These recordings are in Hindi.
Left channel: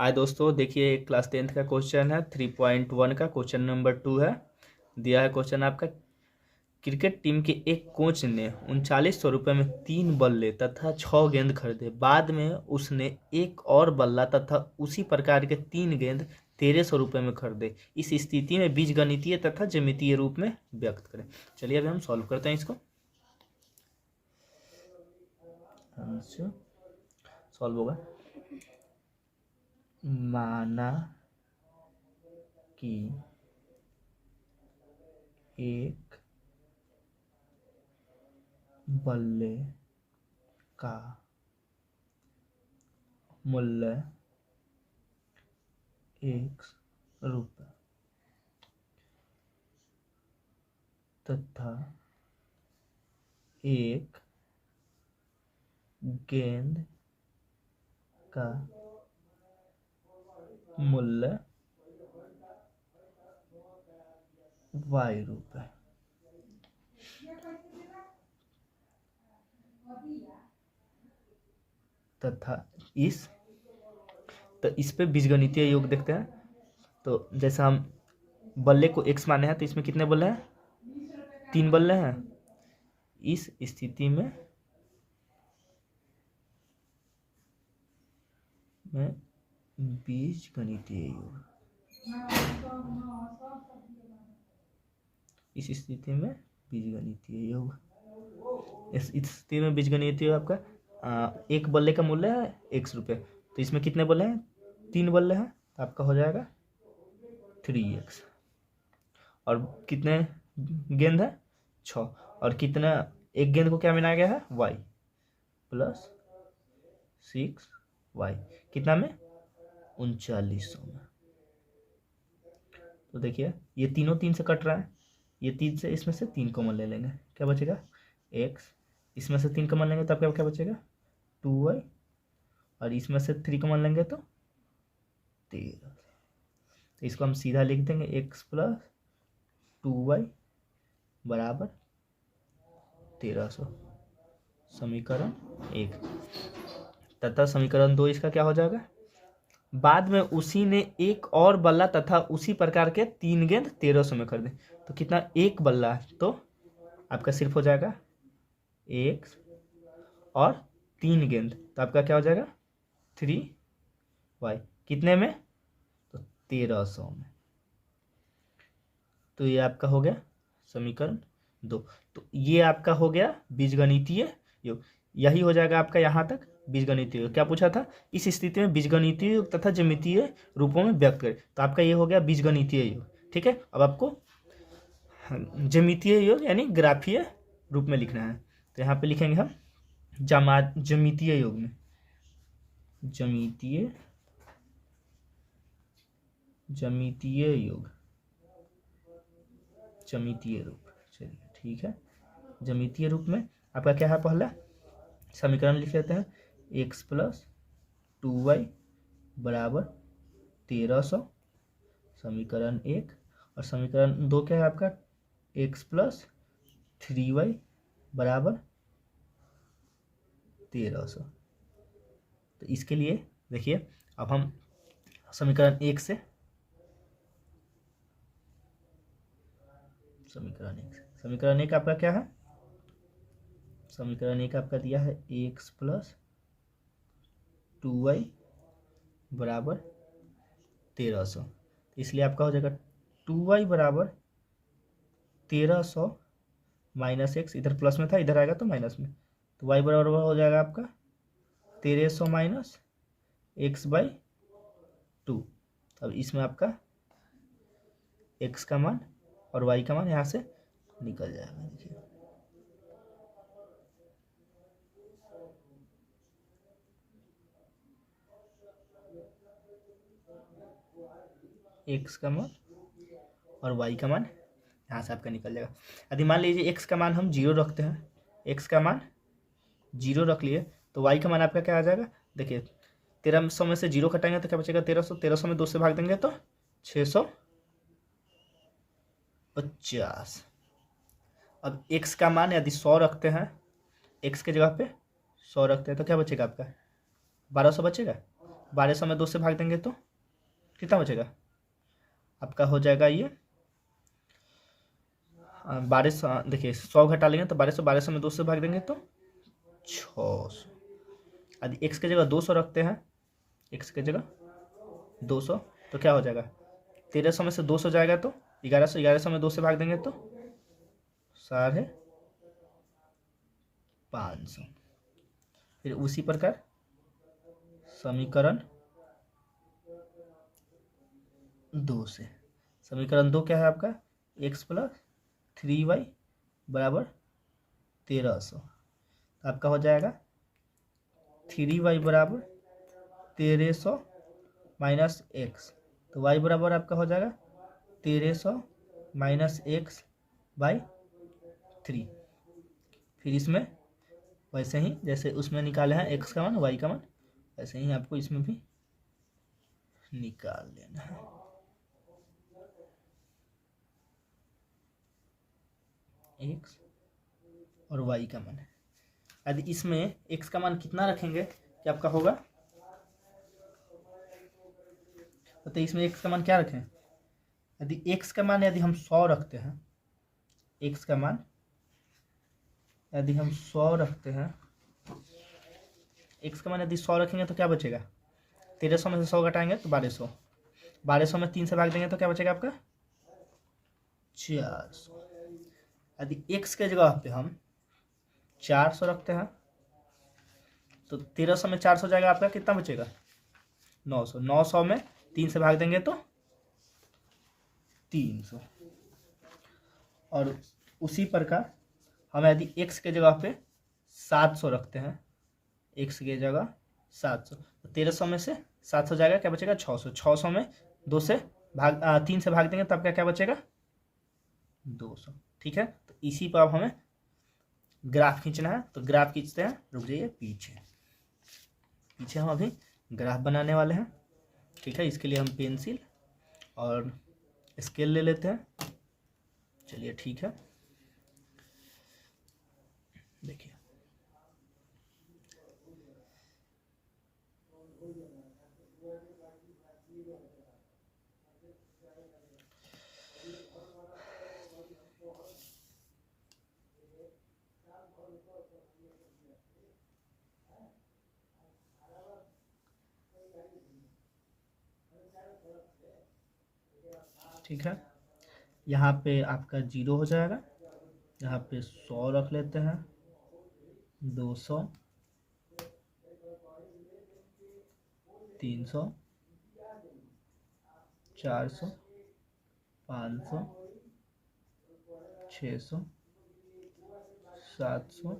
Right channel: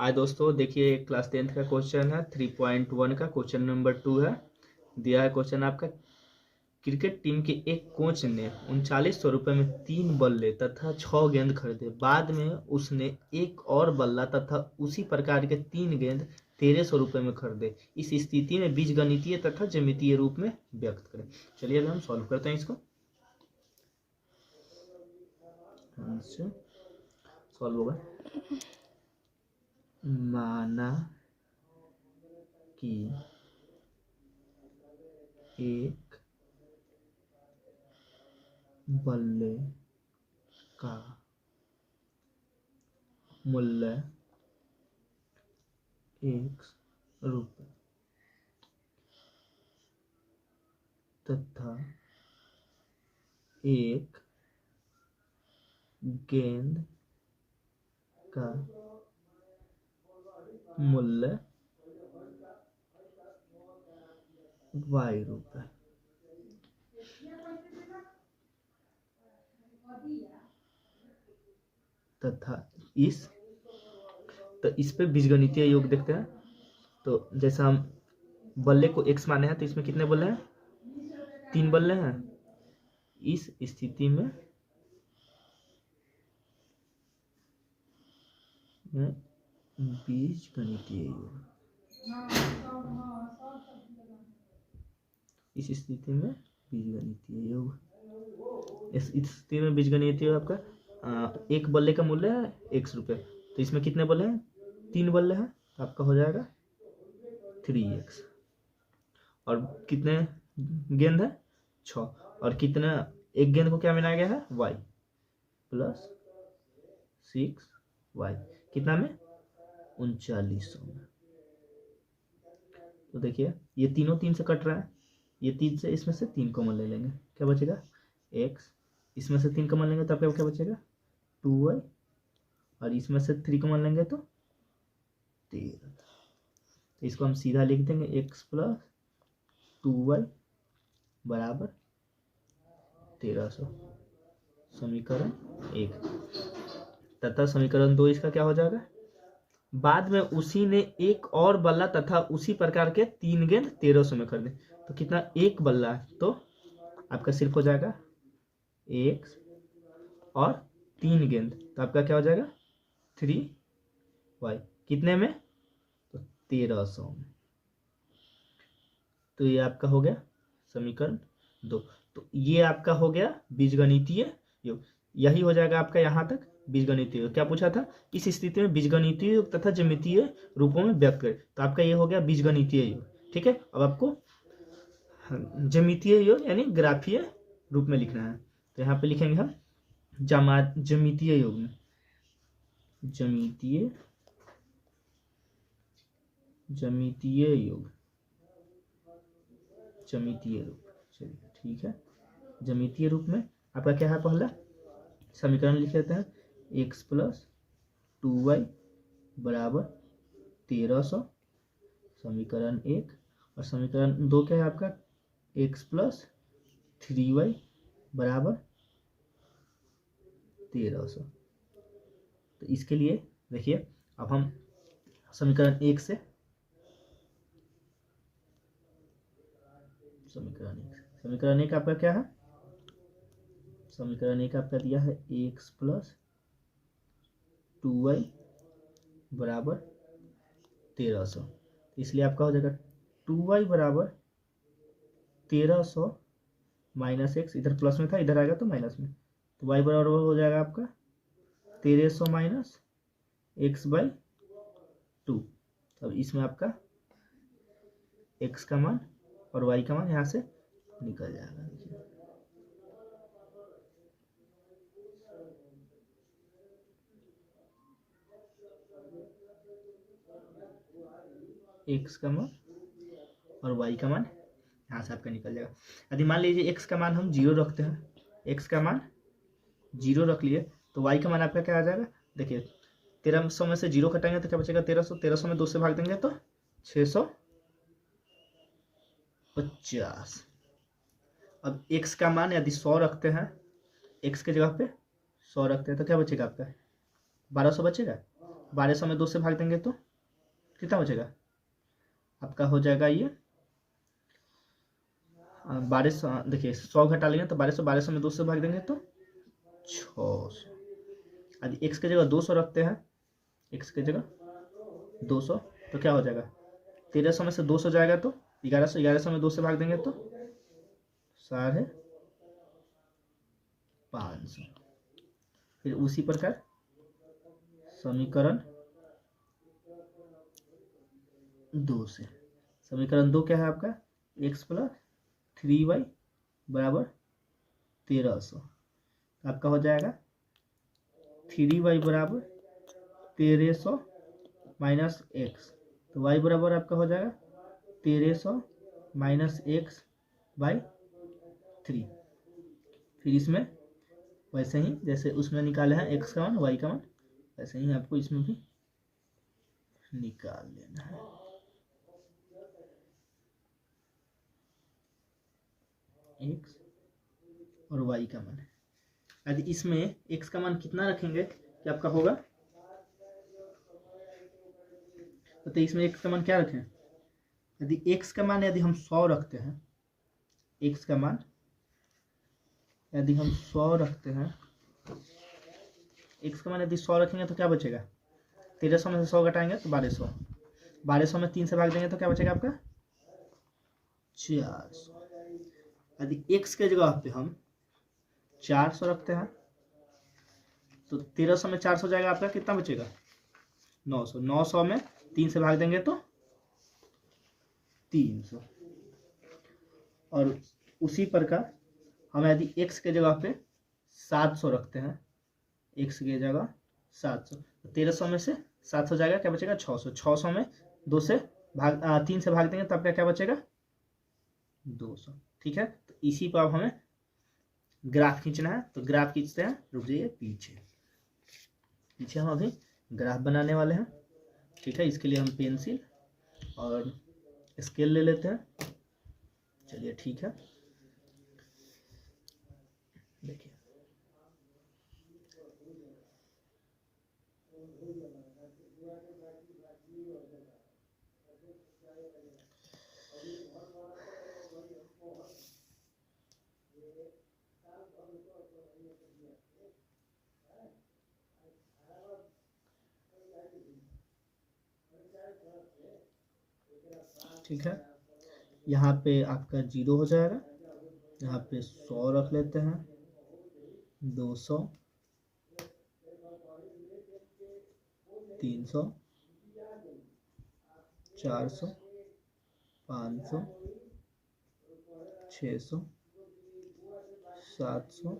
आज दोस्तों देखिए क्लास 10th का क्वेश्चन है 3.1 का क्वेश्चन नंबर 2 है। दिया है क्वेश्चन आपका, क्रिकेट टीम के एक कोच ने 3900 रुपये में 3 बल्ले तथा 6 गेंद खरीदे। बाद में उसने एक और बल्ला तथा उसी प्रकार के 3 गेंद 1300 रुपये में खरीदे। इस स्थिति में बीजगणितीय तथा ज्यामितीय रूप में व्यक्त करें। चलिए अभी हम सॉल्व करते हैं इसको। सॉल्व होगा। माना कि एक बल्ले का मूल्य 1 रुपये तथा एक गेंद का मूल्य y रुपये तथा इस पे बीजगणितीय योग देखते हैं। तो जैसा हम बल्ले को x माने हैं तो इसमें कितने बल्ले हैं? 3 बल्ले हैं। इस स्थिति में बीजगणितीय योग, इस स्थिति में बीजगणितीय योग, इस स्थिति में बीजगणितीय योग आपका एक बल्ले का मूल्य है 1 रुपये। तो इसमें कितने बल्ले हैं? 3 बल्ले हैं। आपका हो जाएगा 3x। और कितने गेंद है? 6। और कितना, एक गेंद को क्या बनाया गया है? y plus 6y। कितना में? 3900 में। तो देखिए ये तीनों 3 से कट रहा है। ये 3 से, इसमें से 3 कॉमन ले लेंगे, क्या बचेगा? x। इसमें से 3 कॉमन लेंगे तो आपका क्या बचेगा? 2y। और इसमें से 3 कॉमन लेंगे तो 13। तो इसको हम सीधा लिख देंगे x प्लस 2y बराबर 1300। समीकरण 1 तथा समीकरण 2 इसका क्या हो जाएगा? बाद में उसी ने एक और बल्ला तथा उसी प्रकार के 3 गेंद 1300 में खरीदे। तो कितना? एक बल्ला है तो आपका सिर्फ हो जाएगा x और 3 गेंद, तो आपका क्या हो जाएगा? 3y। कितने में? तो 1300 में। तो ये आपका हो गया समीकरण 2। तो ये आपका हो गया बीजगणितीय योग। यही हो जाएगा आपका यहाँ तक बीजगणितीय योग। क्या पूछा था? इस स्थिति में बीजगणितीय योग तथा ज्यामितीय रूपों में व्यक्त करें। तो आपका ये हो गया बीजगणितीय योग। ठीक है, अब आपको ज्यामितीय योग यानी ग्राफीय रूप में लिखना है। तो यहाँ पे लिखेंगे हम ज्यामितीय योग में, ज्यामितीय योग, ज्यामितीय रूप। चलिए ठीक है, ज्यामितीय रूप में आपका क्या है? पहला समीकरण लिख लेते हैं, x प्लस 2y बराबर 1300, समीकरण 1। और समीकरण 2 क्या है आपका? x प्लस 3y बराबर 1300। तो इसके लिए देखिए अब हम समीकरण 1 से समीकरण 1 आपका क्या है? समीकरण 1 आपका दिया है x प्लस 2y बराबर 1300। इसलिए आपका हो जाएगा 2y बराबर 1300 माइनस x, इधर प्लस में था इधर आएगा तो माइनस में। तो y बराबर हो जाएगा आपका 1300 माइनस x बाई 2। अब इसमें आपका x का मान और y का मान यहाँ से निकल जाएगा। देखिए x का मान और y का मान यहाँ से आपका निकल जाएगा। यदि मान लीजिए x का मान हम 0 रखते हैं, x का मान 0 रख लिए तो y का मान आपका क्या आ जाएगा? देखिए 1300 में से 0 घटाएंगे तो क्या बचेगा? 1300। 1300 में 2 से भाग देंगे तो 650। अब x का मान यदि 100 रखते हैं, x के जगह पे 100 रखते हैं तो क्या बचेगा आपका? 1200 बचेगा। 1200 में 2 से भाग देंगे तो कितना बचेगा आपका, हो जाएगा ये 1200। देखिए 100 घटा लेंगे तो 1200 में 2 से भाग देंगे तो 600। यदि एक्स की जगह 200 रखते हैं, एक्स की जगह 200, तो क्या हो जाएगा 1300 में से 200 जाएगा तो 1100, 1100 में 2 से भाग देंगे तो 550। फिर उसी प्रकार समीकरण 2 से, समीकरण 2 क्या है आपका, x प्लस 3y बराबर 1300। आपका हो जाएगा 3y बराबर 1300 माइनस एक्स, तो y बराबर आपका हो जाएगा 1300 माइनस एक्स बाई 3। फिर इसमें वैसे ही जैसे उसमें निकाले हैं x का मान y का मान, वैसे ही आपको इसमें भी निकाल लेना है। x और y का मान, यदि इसमें x का मान कितना रखेंगे कि आपका होगा, तो इसमें x का मान क्या रखें, यदि x का मान यदि हम 100 रखते हैं, x का मान यदि हम 100 रखते हैं, x का मान यदि 100 रखेंगे तो क्या बचेगा, 1300 में से 100 घटाएंगे तो 1200, 1200 में 3 से भाग देंगे तो क्या बचेगा आपका 400। यदि x के जगह पे हम 400 रखते हैं तो 1300 में 400 जाएगा आपका, कितना बचेगा 900, 900 में 3 से भाग देंगे तो 300। और उसी प्रकार हम यदि x के जगह पे 700 रखते हैं, x की जगह 700, तो 1300 में से 700 जाएगा, क्या बचेगा 600, 600 में 3 से भाग देंगे तो आपका क्या बचेगा 200। ठीक है, तो इसी पर अब हमें ग्राफ खींचना है, तो ग्राफ खींचते हैं, रुक जाइए पीछे हम अभी ग्राफ बनाने वाले हैं। ठीक है, इसके लिए हम पेंसिल और स्केल ले लेते हैं। चलिए ठीक है, देखिए ठीक है, यहाँ पे आपका 0 हो जाएगा, यहाँ पे 100 रख लेते हैं, 200, 300, 400, 500, 600, 700,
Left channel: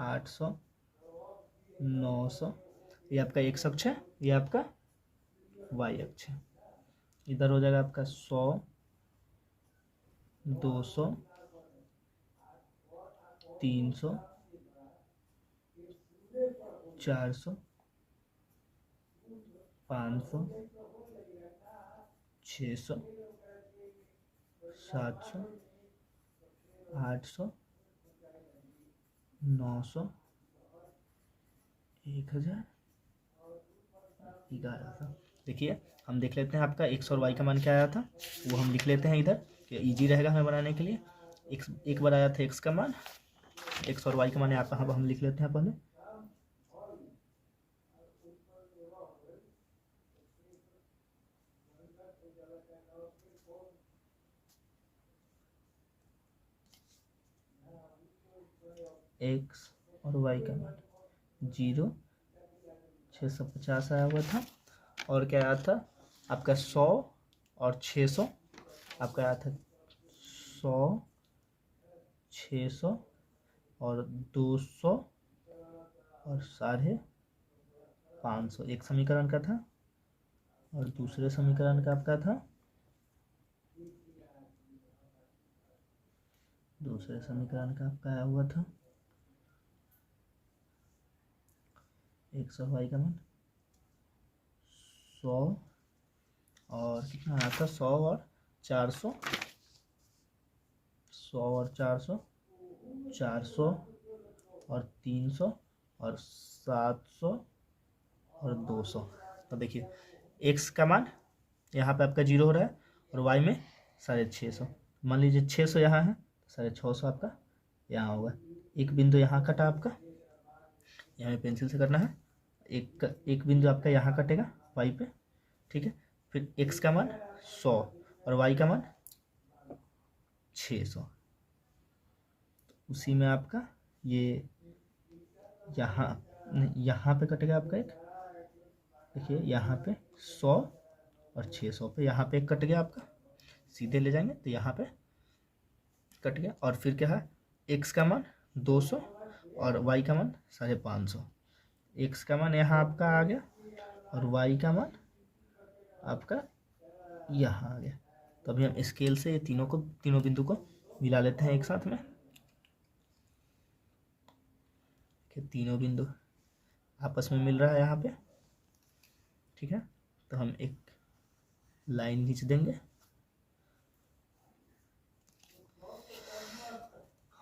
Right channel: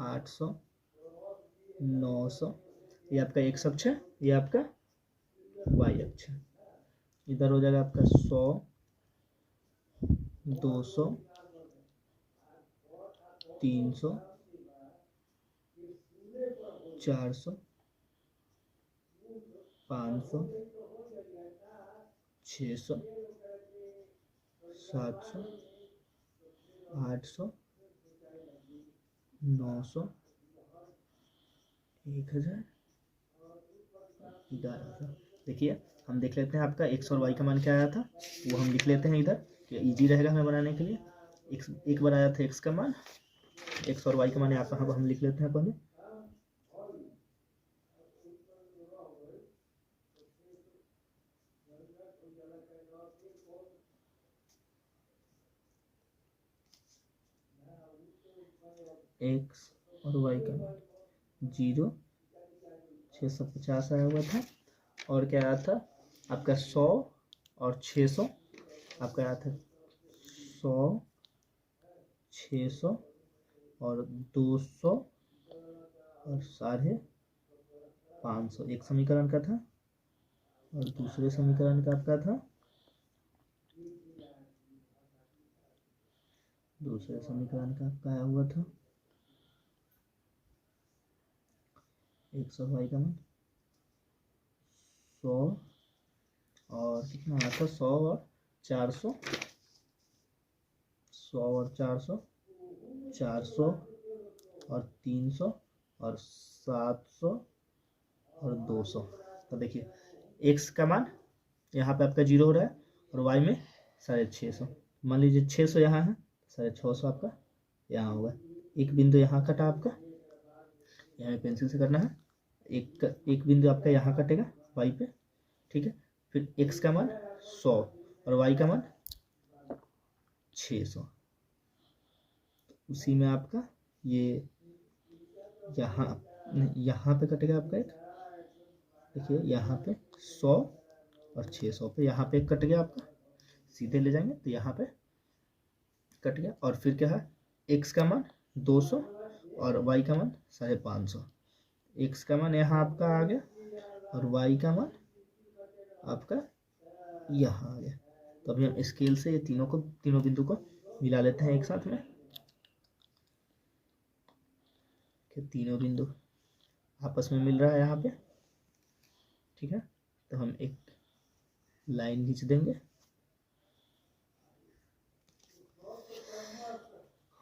800, 900। ये आपका x अक्ष है, ये आपका y अक्ष है। इधर हो जाएगा आपका 100, 200, 300, 400, 500, 600, 700, 800, 900, 1000, 1100। देखिए हम देख लेते हैं आपका x और y का मान क्या आया था, वो हम लिख लेते हैं इधर, कि इजी रहेगा हमें बनाने के लिए। एक बार आया था x का मान, x और y का मान यहाँ पर हम लिख लेते हैं पहले। x और y का मान 0, 650 आया हुआ था, और क्या आया था आपका 100 और 600, आपका आया था 100, 600 और 200 और 550 एक समीकरण का था, और दूसरे समीकरण का आपका था, दूसरे समीकरण का आपका आया हुआ था x और y का मान 100 और कितना आया था 100 और 400, 100 और 400, 400 और 300 और 700 और 200। तो देखिए x का मान यहाँ पे आपका 0 हो रहा है और y में 650। मान लीजिए 600 यहाँ है, 650 आपका यहाँ होगा। एक बिंदु यहाँ कटा आपका, यहाँ पेंसिल से करना है। एक बिंदु आपका यहाँ कटेगा y पे, ठीक है। फिर x का मान 100 और y का मान 600। उसी में आपका ये यहाँ पे कटेगा आपका एक, देखिए यहाँ पे 100 और 600 पे यहाँ पे एक कट गया आपका, सीधे ले जाएंगे तो यहाँ पे कट गया। और फिर क्या है, x का मान 200 और y का मान 550। x का मान यहाँ आपका आ गया और y का मान आपका यहाँ आ गया। तो अभी हम स्केल से ये तीनों बिंदु को मिला लेते हैं एक साथ में कि तीनों बिंदु आपस में मिल रहा है यहाँ पे, ठीक है। तो हम एक लाइन खींच देंगे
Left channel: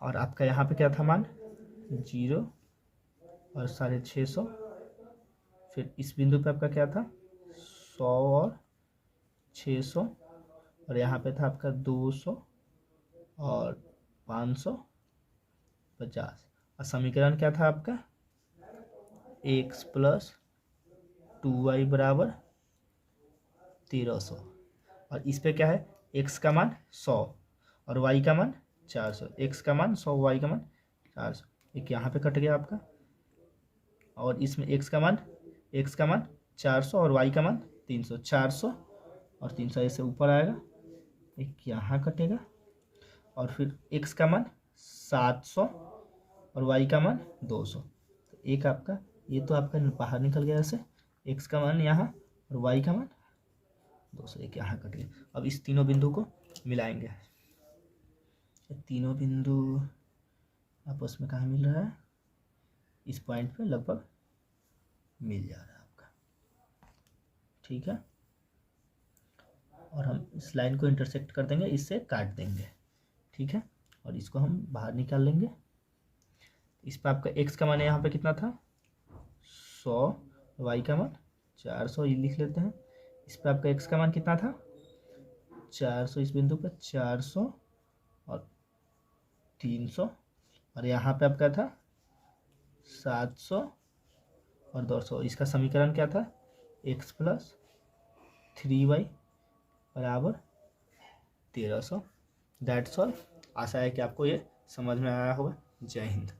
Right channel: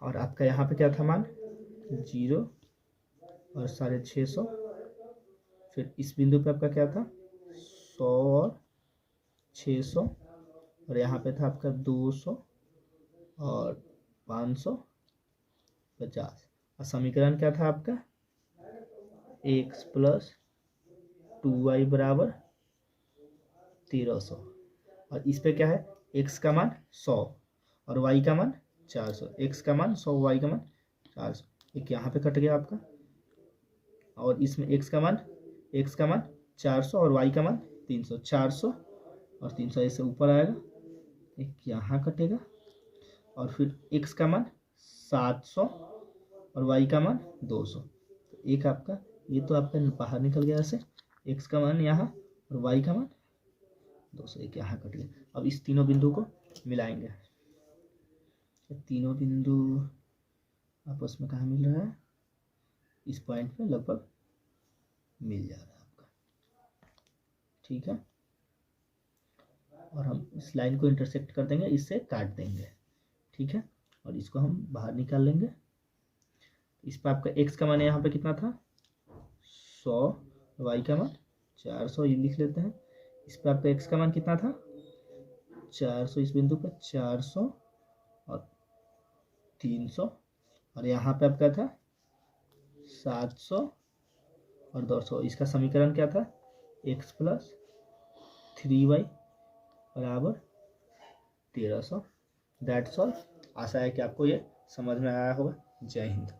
और आपका यहाँ पे क्या था मान 0 और 650। फिर इस बिंदु पे आपका क्या था 100 और 600 और यहाँ पे था आपका 200 और 550। और समीकरण क्या था आपका x + 2y = 1300। और इस पे क्या है x का मान 100 और y का मान 400। x का मान 100, y का मान 400। एक यहाँ पे कट गया आपका और इसमें x का मान 400 और y का मान 300। 400 और 300 ऐसे ऊपर आएगा, एक यहाँ कटेगा और फिर x का मान 700 और y का मान 200। तो एक आपका ये तो आपका बाहर निकल गया ऐसे, x का मान यहाँ और y का मान 200, एक यहाँ कट गया। अब इस तीनों बिंदु को मिलाएंगे। ये तीनों बिंदु आपस में कहाँ मिल रहा है, इस पॉइंट पे लगभग मिल जा रहा है आपका, ठीक है। और हम इस लाइन को इंटरसेक्ट कर देंगे, इससे काट देंगे, ठीक है। और इसको हम बाहर निकाल लेंगे। इस पर आपका x का मान यहाँ पे कितना था 100, y का मान 400, ये लिख लेते हैं। इस पर आपका x का मान कितना था 400, इस बिंदु पर 400 और 300 और यहाँ पे आपका था 700 और 200। इसका समीकरण क्या था x + 3y = 1300। That's all. आशा है कि आपको ये समझ में आया होगा। जय हिंद।